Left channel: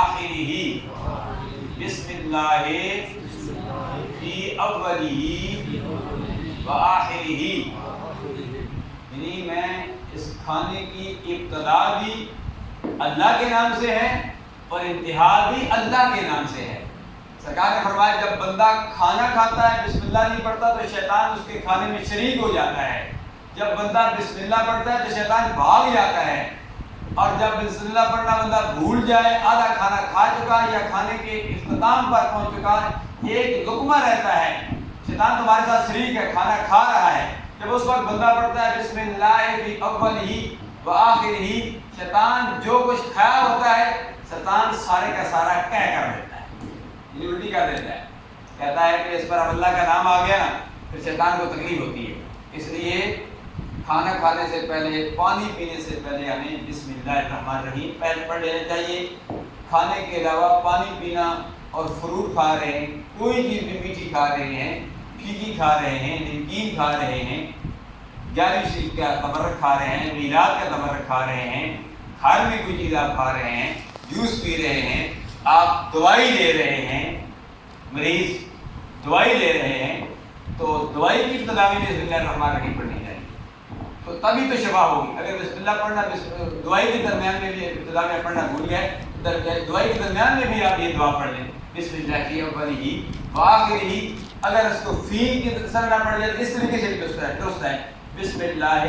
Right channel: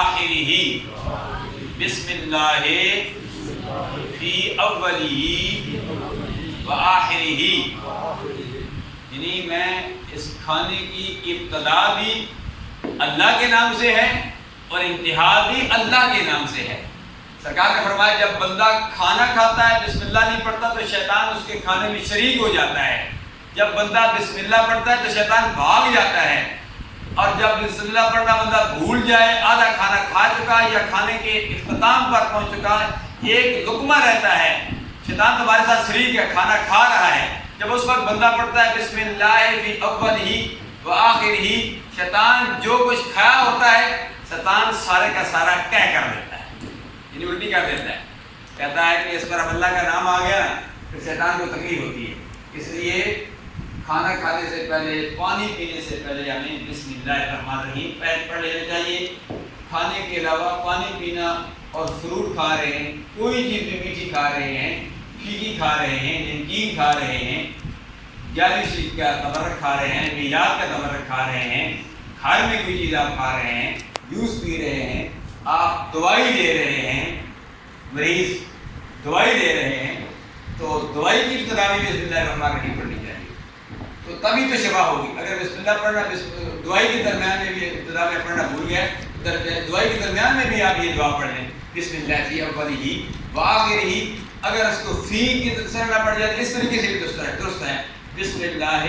آخرہ بسم اللہ فی اولہ و آخرہ، یعنی میں اس کھانے کی ابتدا بھی اللہ کے نام سے ہے اور انتہا بھی اللہ کے نام سے ہے۔ سرکار نے فرمایا جب بندہ کھانا کھاتا ہے بسم اللہ نہیں پڑھتا تو شیطان اس کے کھانے میں شریک ہو جاتا ہے، جب بندہ بسم اللہ پڑھتا ہے تو شیطان بھاگ جاتا ہے، اور جب بسم اللہ پڑھنا بندہ بھول جائے، آدھا کھانا کھا چکا یا کھانے کے اختتام پر پہنچ چکا، ایک لقمہ رہتا ہے، شیطان تمہارے ساتھ شریک ہے، کھانا کھا رہا ہے، جب اس وقت بندہ پڑھتا ہے بسم اللہ فی اولہ و آخرہ، شیطان جو کچھ کھایا ہوتا ہے شیطان سارے کا سارا طے کر دیتا ہے، یعنی الٹی کر دیتا ہے، کہتا ہے کہ اس پر اب اللہ کا نام آ گیا نا، پھر شیطان کو تکلیف ہوتی ہے۔ اس لیے کھانا کھانے سے پہلے، پانی پینے سے پہلے ہمیں بسم اللہ الرحمن الرحیم پڑھ لینا چاہیے۔ کھانے کے علاوہ پانی پینا اور فروٹ کھا رہے ہیں، کوئی چیز بھی میٹھی کھا رہے ہیں، پھیکی کھا رہے ہیں، نمکین کھا رہے ہیں، جعلی چیز کا تمرک کھا رہے ہیں، میلاد کا تمرک کھا رہے ہیں، گھر میں کوئی چیز آپ کھا رہے ہیں، جوس پی رہے ہیں، آپ دوائی لے رہے ہیں، مریض دوائی لے رہے ہیں، تو دوائی کی ابتدا میں بسم اللہ الرحمن الرحیم پڑھنی چاہیے، تو تبھی تو شفا ہوگی۔ اگر بسم اللہ پڑھنا دوائی کے درمیان میں بھی ابتدا میں پڑھنا بھول گئے، دوائی کے درمیان میں بھی آپ یہ دعا پڑھ لیں بسم اللہ فی اولہ و آخرہ، اگر اس کو فی کی طرح نہ پڑھ جائے تو اس طریقے سے بھی درست ہے، بسم اللہ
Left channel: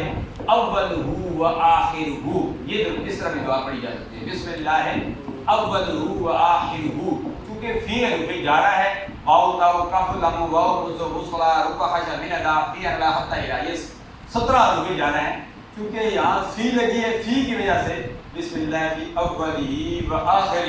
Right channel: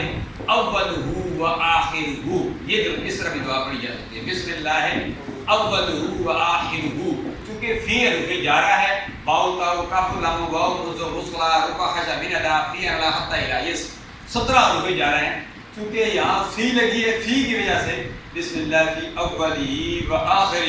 اولہ و آخرہ، یہ اس طرح بھی دعا پڑھی جا سکتی ہے، بسم اللہ اولہ و آخرہ، چونکہ فی حرف جارہ ہے، واو تا کاف لام واو مذ مصلا رکع حج من ادا فی اعلی حتی الی، یہ 17 حروف جارہ ہیں، چونکہ یہاں فی لگی ہے، فی کی وجہ سے بسم اللہ فی اولہ و آخرہ